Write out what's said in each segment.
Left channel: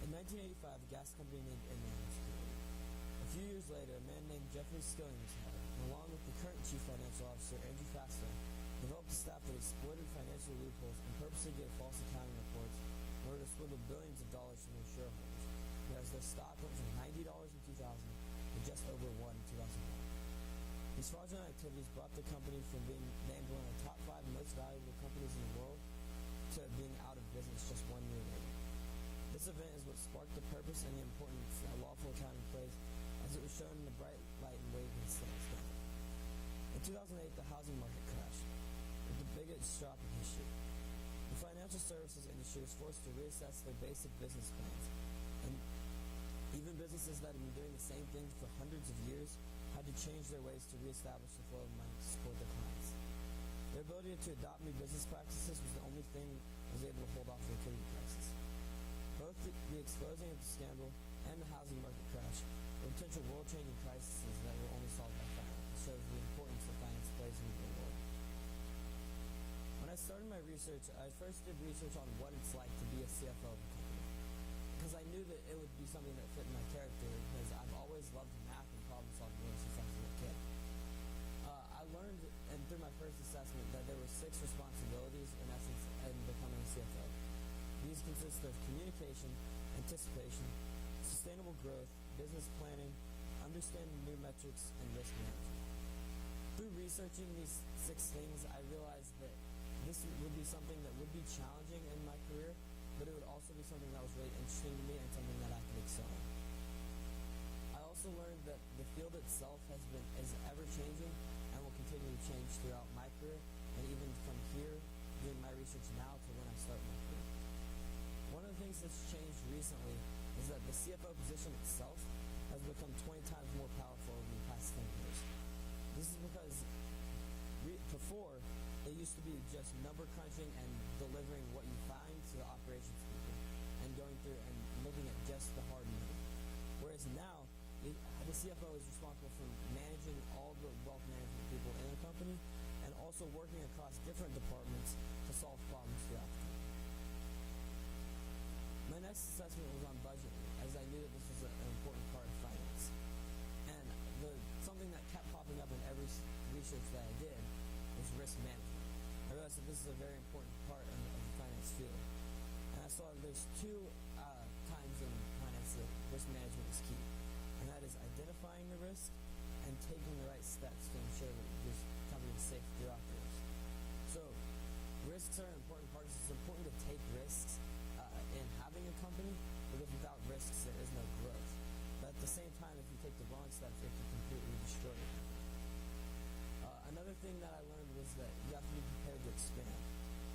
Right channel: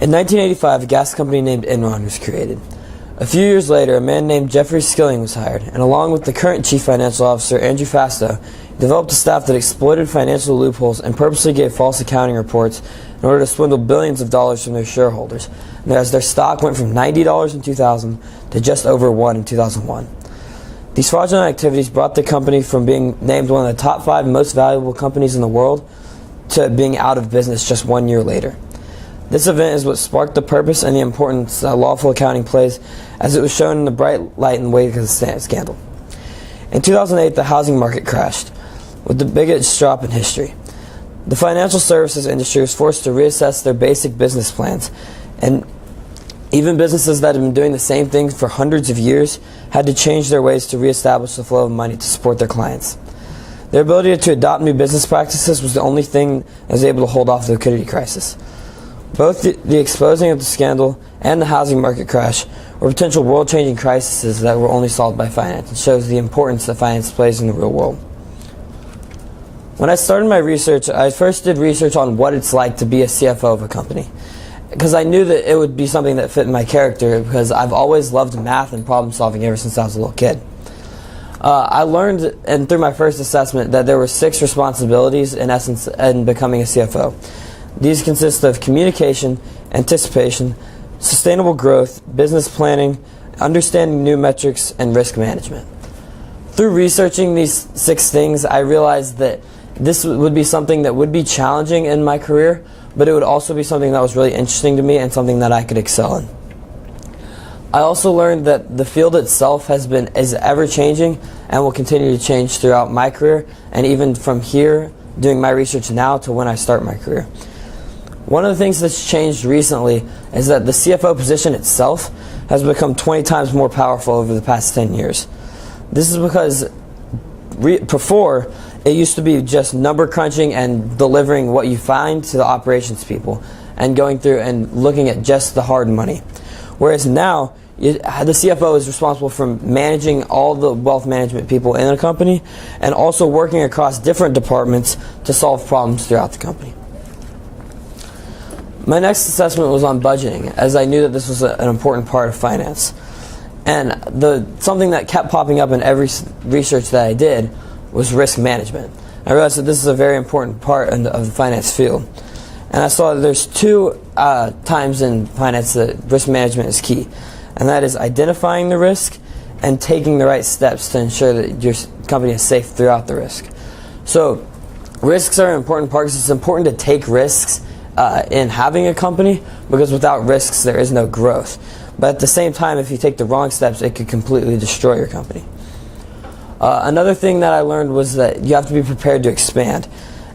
In 1985, a gas company named Enron was created. A few years later, a man named Jeffrey Skilling was hired, and along with the current chief financial officer, Andrew Fastow, developed a staff that exploited financial loopholes and purposely gave false accounting reports in order to swindle billions of dollars from their shareholders, and as their stock went from $90 in 2000 to just over $1 in 2001. These fraudulent activities brought the company from being named one of the top 5 most valuable companies in the world to being out of business just 1 year later. This event is what sparked the purpose and the importance that lawful accounting plays, as it was shown in the bright light in the wake of the scandal. In 2008, the housing market crashed, with the biggest drop in history. The financial services industry was forced to reassess their basic business plans, and even businesses that had been doing the same thing for hundreds of years had to change their ways to reestablish the flow of money to support their clients. Their ability to adopt new business practices was the only thing that was able to hold off the liquidity crisis. Both the exposing of the scandal and the housing market crash were potential world-changing crises that were only solved by finance, and shows the importance that finance plays in the real world. When I started my research, I first did research on what it's like to be a CFO of a company, because I knew that it would be something that fit my character, because I've always loved math and problem solving ever since I was a little kid. I learned, and through my first assessment, that there were 6 responsibilities in essence in becoming a CFO. These consist of communication, anticipation, sustainable growth, business planning, understanding new metrics, and risk management. Through researching these 6 things, I realized that this would be something that would be challenging in my career, but it would also be something that was really interesting to me and something that I could excel in. I also learned that the field itself is ever-changing and will continue to change throughout my career, and even from here, doing my research now to when I start my career. One of the things that's changed recently is that the CFO position itself has become 20 times more powerful over the past 10 years. This is because before, it used to be just number crunching and delivering what you find to the operations people and going through and looking at just the hard money. Whereas now, the CFO is responsible for managing all the wealth management people in a company and also working across different departments to solve problems throughout the company. My next assessment was on budgeting, as I knew that this was an important part of finance. And something that kept popping up in every research that I did was risk management. I realized that this is a very important part of the finance field. And I saw that there's 2 times in finance that risk management is key. And that is identifying the risk and taking the right steps to ensure that your company is safe throughout the risk. So risks are an important part because it's important to take risks in having a company, because without risks there is no growth. But at the same time, if you take the wrong steps, it could completely destroy your company. Another thing that I learned was that you have to be prepared to expand.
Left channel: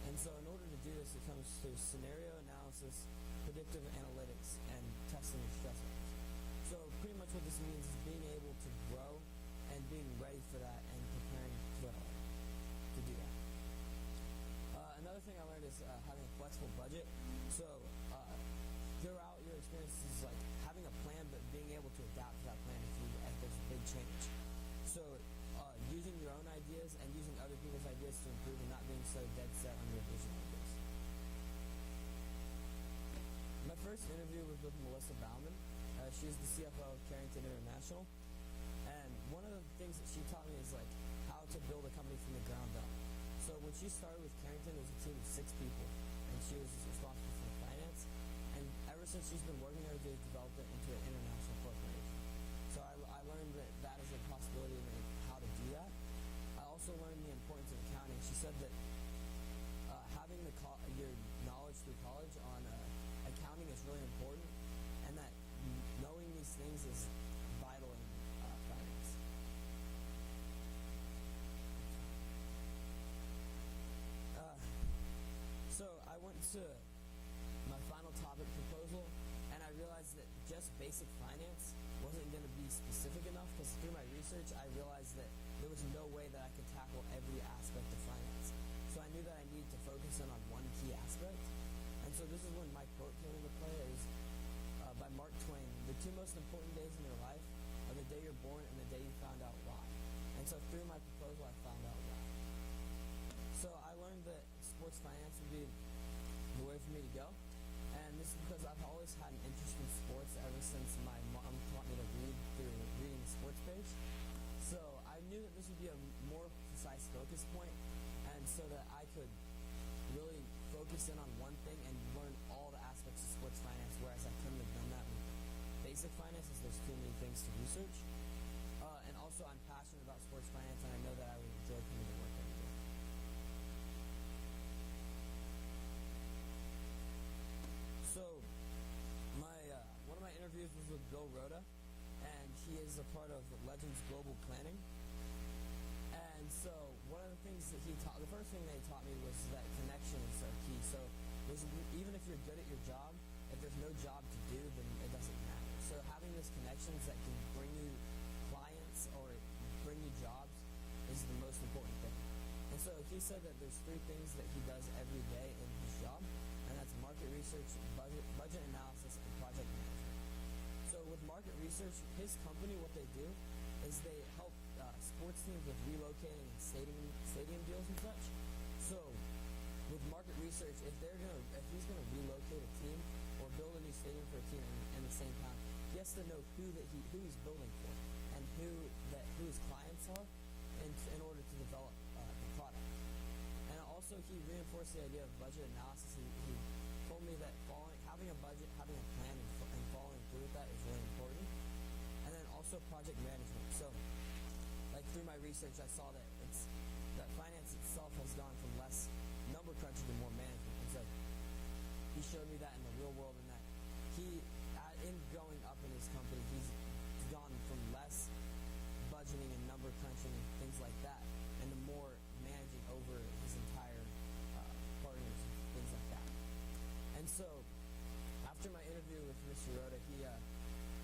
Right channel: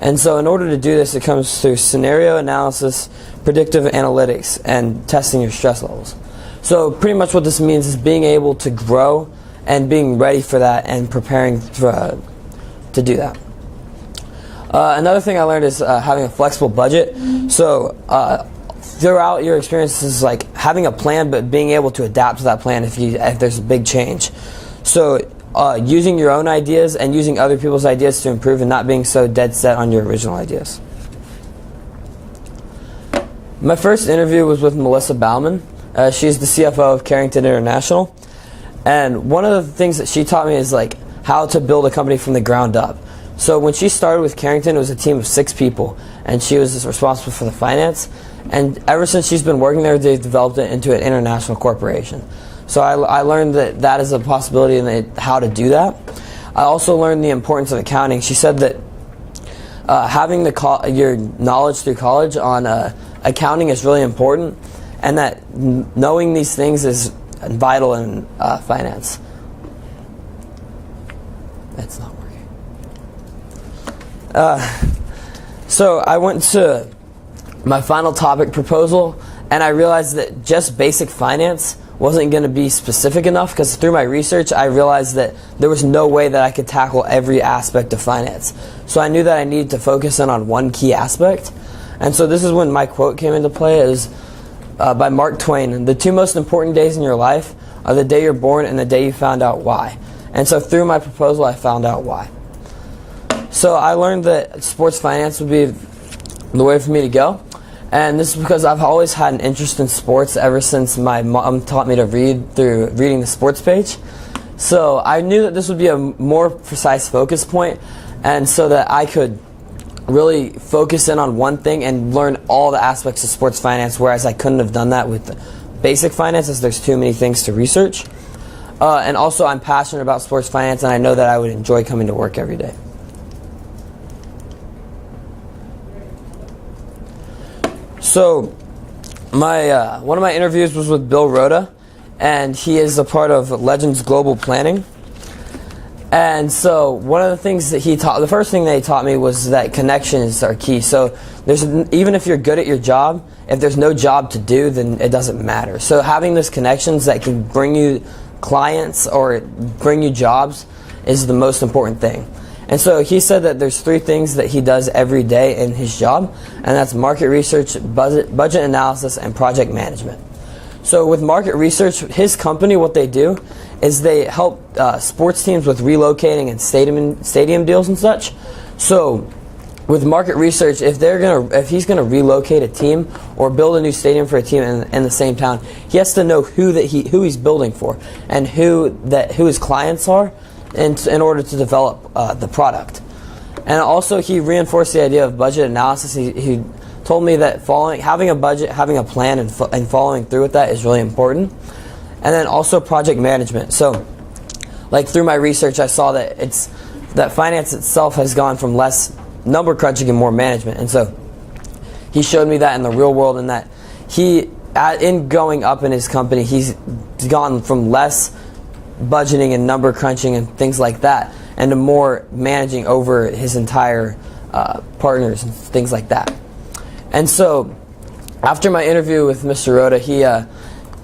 And so in order to do this, it comes through scenario analysis, predictive analytics, and testing your stress levels. So pretty much what this means is being able to grow and being ready for that and preparing to do that. Another thing I learned is having a flexible budget. So throughout your experiences, like having a plan, but being able to adapt to that plan if there's a big change. So using your own ideas and using other people's ideas to improve, and not being so dead set on your original ideas. My first interview was with Melissa Bauman. She's the CFO of Carrington International. And one of the things that she taught me is like how to build a company from the ground up. So when she started with Carrington, it was a team of 6 people, and she was responsible for the finance. And ever since she's been working there, they've developed it into an international corporation. So I learned that is a possibility and how to do that. I also learned the importance of accounting. She said that having your knowledge through college on accounting is really important, and that knowing these things is vital in finance. That's not working. So I went to my final topic proposal, and I realized that just basic finance wasn't going to be specific enough, because through my research I realized that there was no way that I could tackle every aspect of finance. So I knew that I needed to focus in on one key aspect. And so this is when my quote came into play. It was by Mark Twain: "The 2 most important days in your life are the day you're born and the day you found out why." And so through my proposal I found out why. So I learned that sports finance would be the way for me to go. And this is because I've always had an interest in sports ever since my mom taught me to read through reading the sports page. So I knew that this would be a more precise focus point, and so that I could really focus in on one thing and learn all the aspects of sports finance, whereas I couldn't have done that with basic finance as there's too many things to research. And also I'm passionate about sports finance, and I know that I would enjoy coming to work every day. So one of my interviews was with Bill Rhoda, and he is a part of Legends Global Planning. And so one of the things that the first thing that he taught me was that connections are key. So even if you're good at your job, if there's no job to do, then it doesn't matter. So having those connections that can bring you clients or bring you jobs is the most important thing. And so he said that there's 3 things that he does every day in his job, and that's market research, budget analysis, and project management. So with market research, his company, what they do is they help sports teams with relocating and stadium deals and such. So with market research, if he's gonna relocate a team or build a new stadium for a team in the same town, he has to know who he's building for and who his clients are, in order to develop the product. And also he reinforced the idea of budget analysis. He told me that having a budget, having a plan, and following through with that is really important. And then also project management. So like through my research, I saw that that finance itself has gone from less number crunching and more management. And so he showed me that in the real world, and that in going up in his company, he's gone from less budgeting and number crunching and things like that, and to more managing over his entire partners and things like that. And so after my interview with Mr. Rhoda,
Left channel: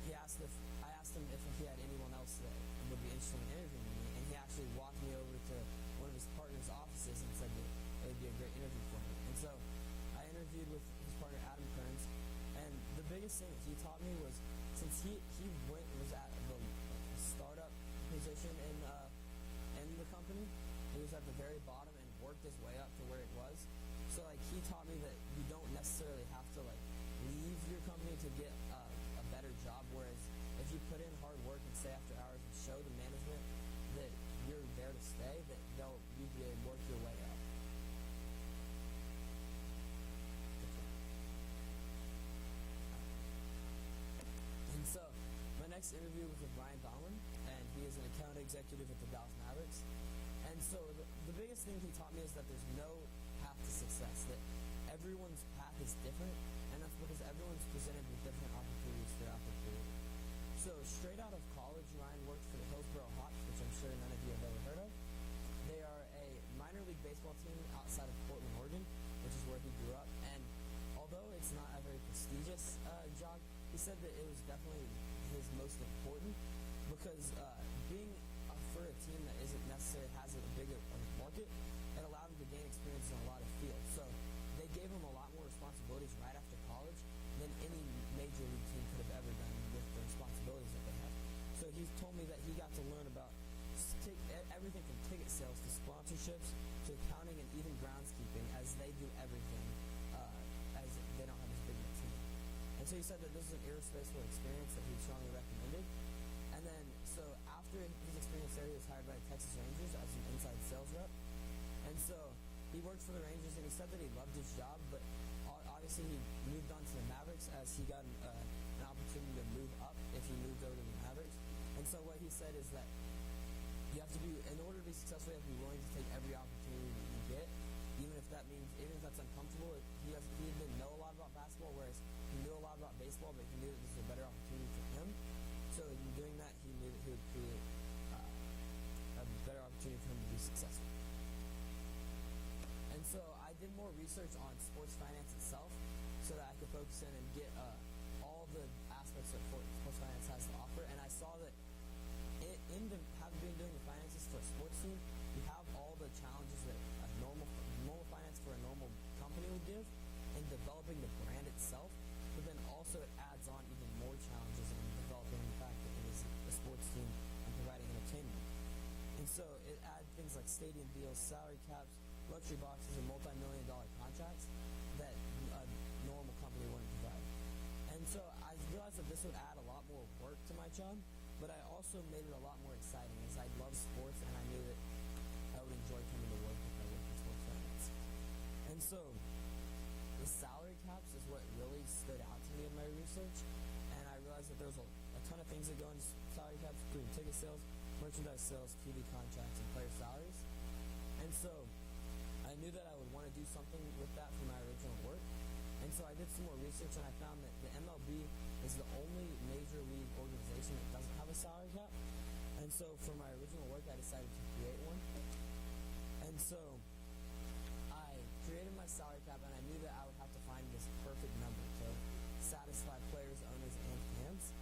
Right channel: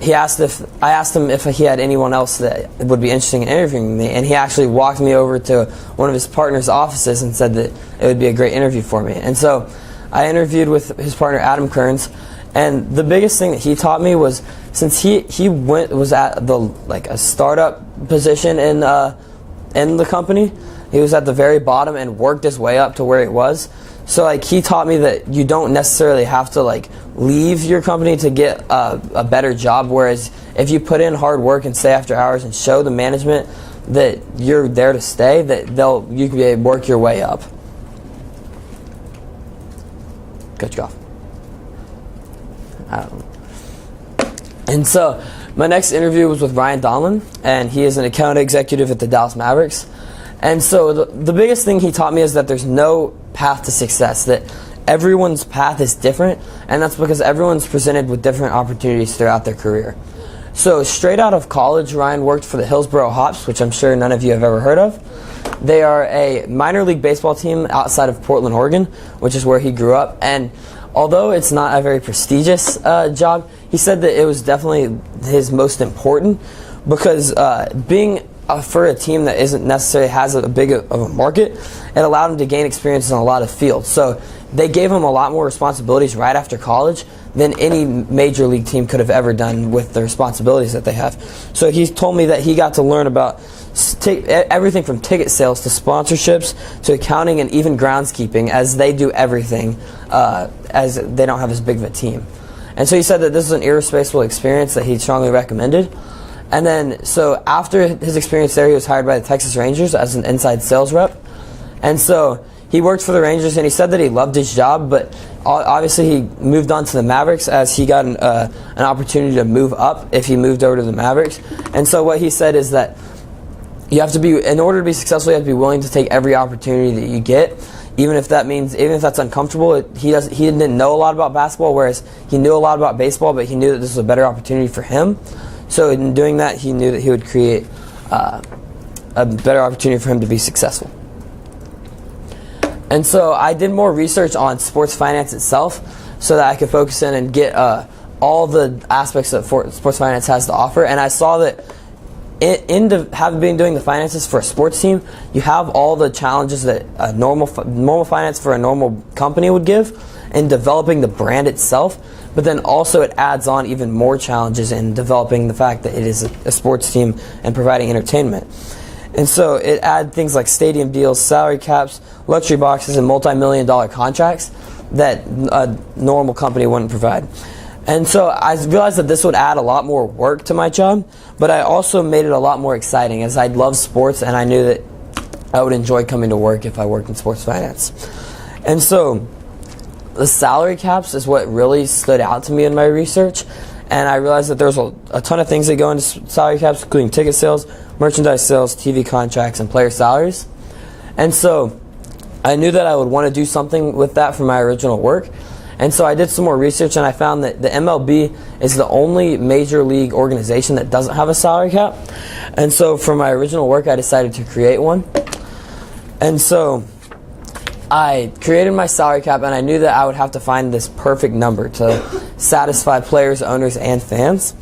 I asked him if he had anyone else that would be interested in interviewing me, and he actually walked me over to one of his partner's offices and said that it would be a great interview for me. And so I interviewed with his partner Adam Kearns, and the biggest thing that he taught me was, since he was at a startup position in the company, he was at the very bottom and worked his way up to where he was. So he taught me that you don't necessarily have to leave your company to get a better job, whereas if you put in hard work and stay after hours and show the management that you're there to stay, that you can be able to work your way up. Cut you off. And so my next interview was with Ryan Donlan, and he is an account executive at the Dallas Mavericks. And so the biggest thing he taught me is that there's no path to success, that everyone's path is different, and that's because everyone's presented with different opportunities throughout their career. So straight out of college, Ryan worked for the Hillsboro Hops, which I'm sure none of you have ever heard of. They are a minor league baseball team outside of Portland, Oregon, which is where he grew up. And although it's not a very prestigious job, he said that it was definitely his most important, because being for a team that isn't necessarily has a big of a market, it allowed him to gain experience in a lot of fields. So they gave him a lot more responsibilities right after college than any major league team could have ever done with the responsibilities that they have. So he's told me that he got to learn about everything from ticket sales to sponsorships to accounting and even groundskeeping, as they do everything, as they don't have as big of a team. And so he said that this is an irreplaceable experience that he strongly recommended. And then, so after his experience there, he was hired by the Texas Rangers as an inside sales rep. And so he worked for the Rangers, and he said that he loved his job, but obviously he moved on to the Mavericks as he got an opportunity to move up if he moved over to the Mavericks. And so what he said is that you have to be, in order to be successful, you have to be willing to take every opportunity that you get, even if that's uncomfortable. He didn't know a lot about basketball, whereas he knew a lot about baseball, but he knew that this was a better opportunity for him. So in doing that, he knew that he would create a better opportunity for him to be successful. And so I did more research on sports finance itself so that I could focus in and get all the aspects that sports finance has to offer. And I saw that having been doing the finances for a sports team, you have all the challenges that a normal finance for a normal company would give in developing the brand itself, but then also it adds on even more challenges in developing the fact that it is a sports team and providing entertainment. And so it adds things like stadium deals, salary caps, luxury boxes, and multi-million-dollar contracts that a normal company wouldn't provide. And so I realized that this would add a lot more work to my job, but I also made it a lot more exciting, as I love sports and I knew that I would enjoy coming to work if I worked in sports finance. And so the salary caps is what really stood out to me in my research, and I realized that there's a ton of things that go into salary caps, including ticket sales, merchandise sales, TV contracts, and player salaries. And so I knew that I would want to do something with that for my original work. And so I did some more research, and I found that the MLB is the only major league organization that doesn't have a salary cap. And so for my original work, I decided to create one. And so I created my salary cap, and I knew that I would have to find this perfect number to satisfy players, owners, and fans.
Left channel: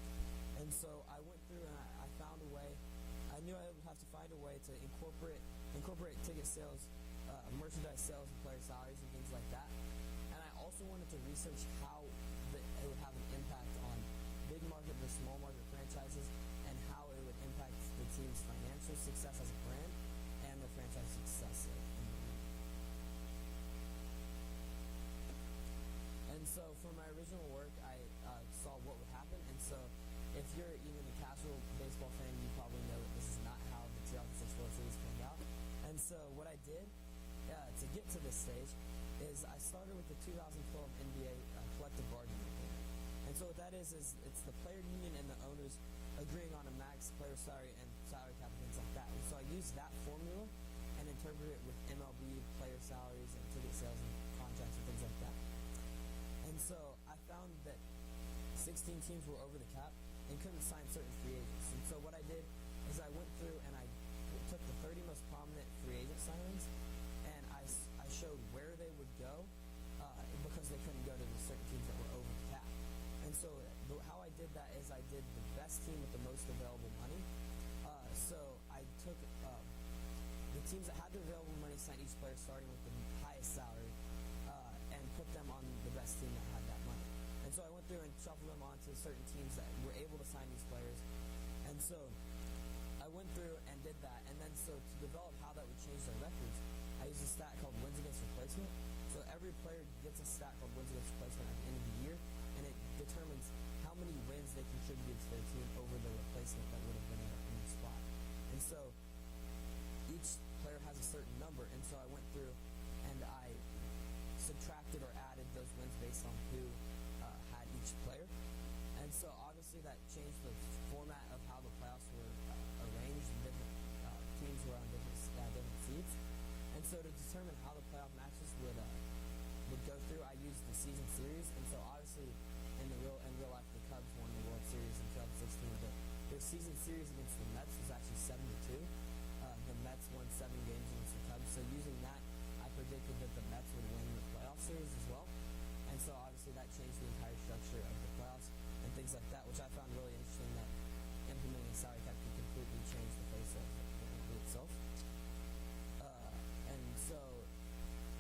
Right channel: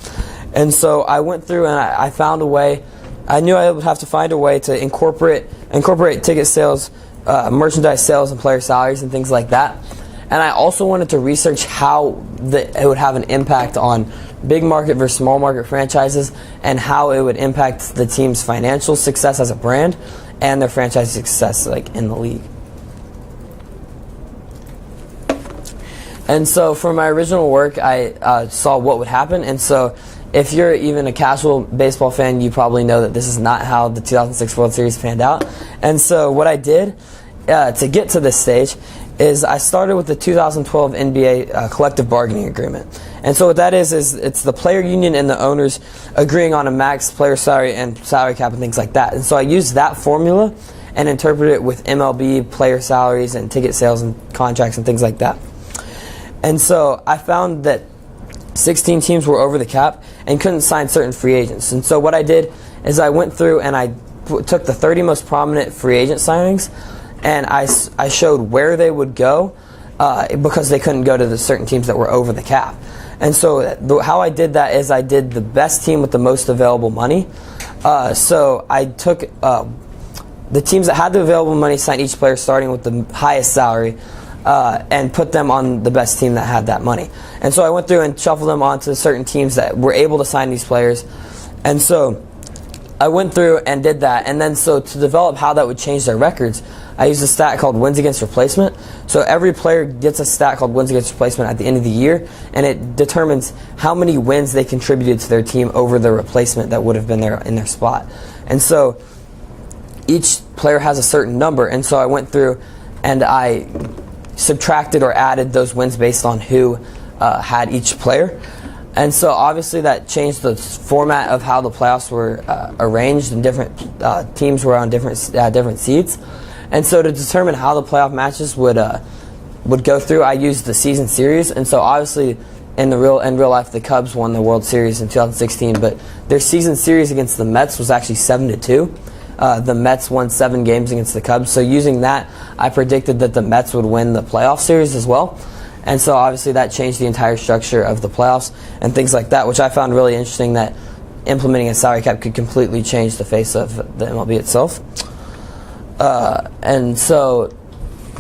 And so I went through and I found a way. I knew I would have to find a way to incorporate ticket sales, merchandise sales, and player salaries and things like that. And I also wanted to research how it would have an impact on big market versus small market franchises, and how it would impact the team's financial success as a brand and their franchise success in the league. And so for my original work, I saw what would happen. And so if you're even a casual baseball fan, you probably know that this is not how the 2006 World Series panned out. And so what I did to get to this stage is I started with the 2012 NBA collective bargaining agreement. And so what that is it's the player union and the owners agreeing on a max player salary and salary cap and things like that. And so I used that formula and interpreted it with MLB player salaries and ticket sales and contracts and things like that. And so I found that 16 teams were over the cap and couldn't sign certain free agents. And so what I did is I went through and I took the 30 most prominent free agent signings, and I showed where they would go because they couldn't go to the certain teams that were over the cap. And so how I did that is I did the best team with the most available money. So I took the teams that had the available money, signed each player starting with the highest salary, and put them on the best team that had that money. And so I went through and shuffled them onto certain teams that were able to sign these players. And so I went through and did that. And then so to develop how that would change their records, I used a stat called wins against replacement. So every player gets a stat called wins against replacement at the end of the year, and it determines how many wins they contributed to their team over the replacement that would have been there in their spot. And so each player has a certain number, and so I went through and I subtracted or added those wins based on who had each player. And so obviously that changed the format of how the playoffs were arranged, and different teams were on different seeds. And so to determine how the playoff matches would go through, I used the season series. And so obviously in real life, the Cubs won the World Series in 2016, but their season series against the Mets was actually 7-2. The Mets won 7 games against the Cubs. So using that, I predicted that the Mets would win the playoff series as well. And so obviously that changed the entire structure of the playoffs and things like that, which I found really interesting, that implementing a salary cap could completely change the face of the MLB itself. And so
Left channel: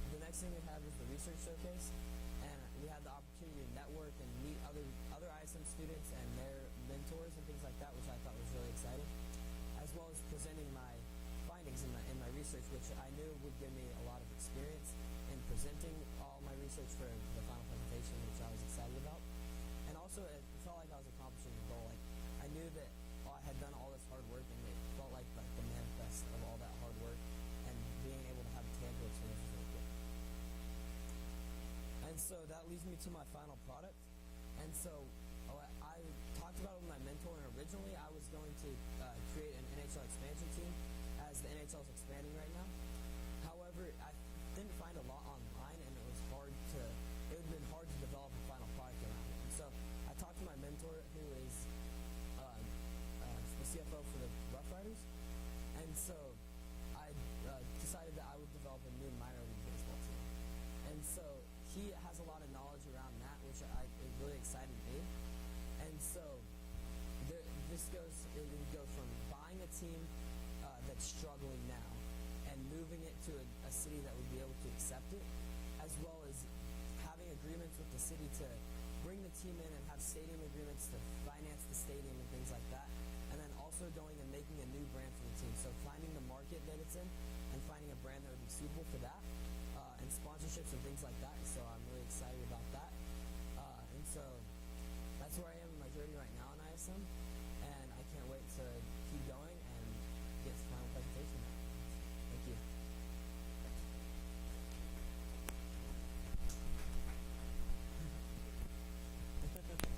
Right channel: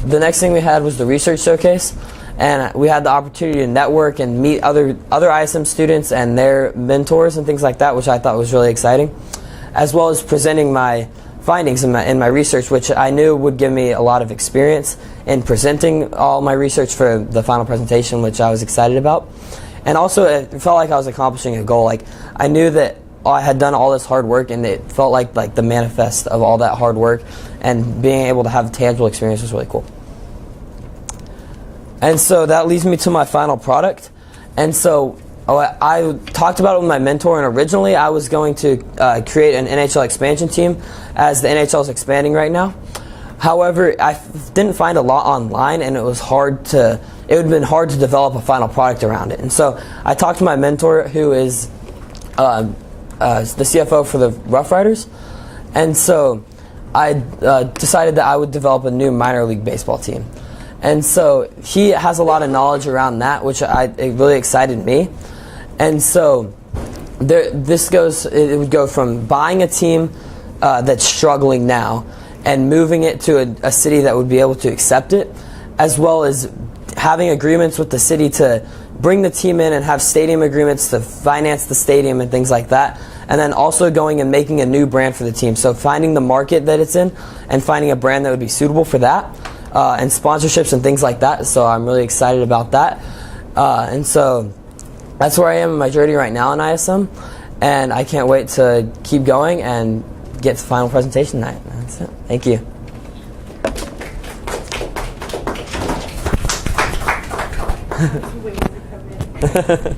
the next thing we had was the research showcase, and we had the opportunity to network and meet other ISM students and their mentors and things like that, which I thought was really exciting, as well as presenting my findings in my research, which I knew would give me a lot of experience in presenting all my research for the final presentation, which I was excited about. And also it felt like I was accomplishing a goal. Like I knew that I had done all this hard work, and it felt like the manifest of all that hard work, and being able to have tangible experience was really cool. And so that leads me to my final product. And so I talked about it with my mentor, and originally I was going to create an NHL expansion team, as the NHL is expanding right now. However, I didn't find a lot online, and it would have been hard to develop a final product around it. And so I talked to my mentor, who is the CFO for the Rough Riders, and so I decided that I would develop a new minor league baseball team. And so he has a lot of knowledge around that, which it really excited me. And so it would go from buying a team that's struggling now and moving it to a city that would be able to accept it, as well as having agreements with the city to bring the team in and have stadium agreements to finance the stadium and things like that. And then also going and making a new brand for the team. So finding the market that it's in and finding a brand that would be suitable for that, and sponsorships and things like that. So I'm really excited about that. And so that's where I am in my journey right now in ISM, and I can't wait to keep going and get to the final presentation tonight. That's it. Thank you. Waiting to come in.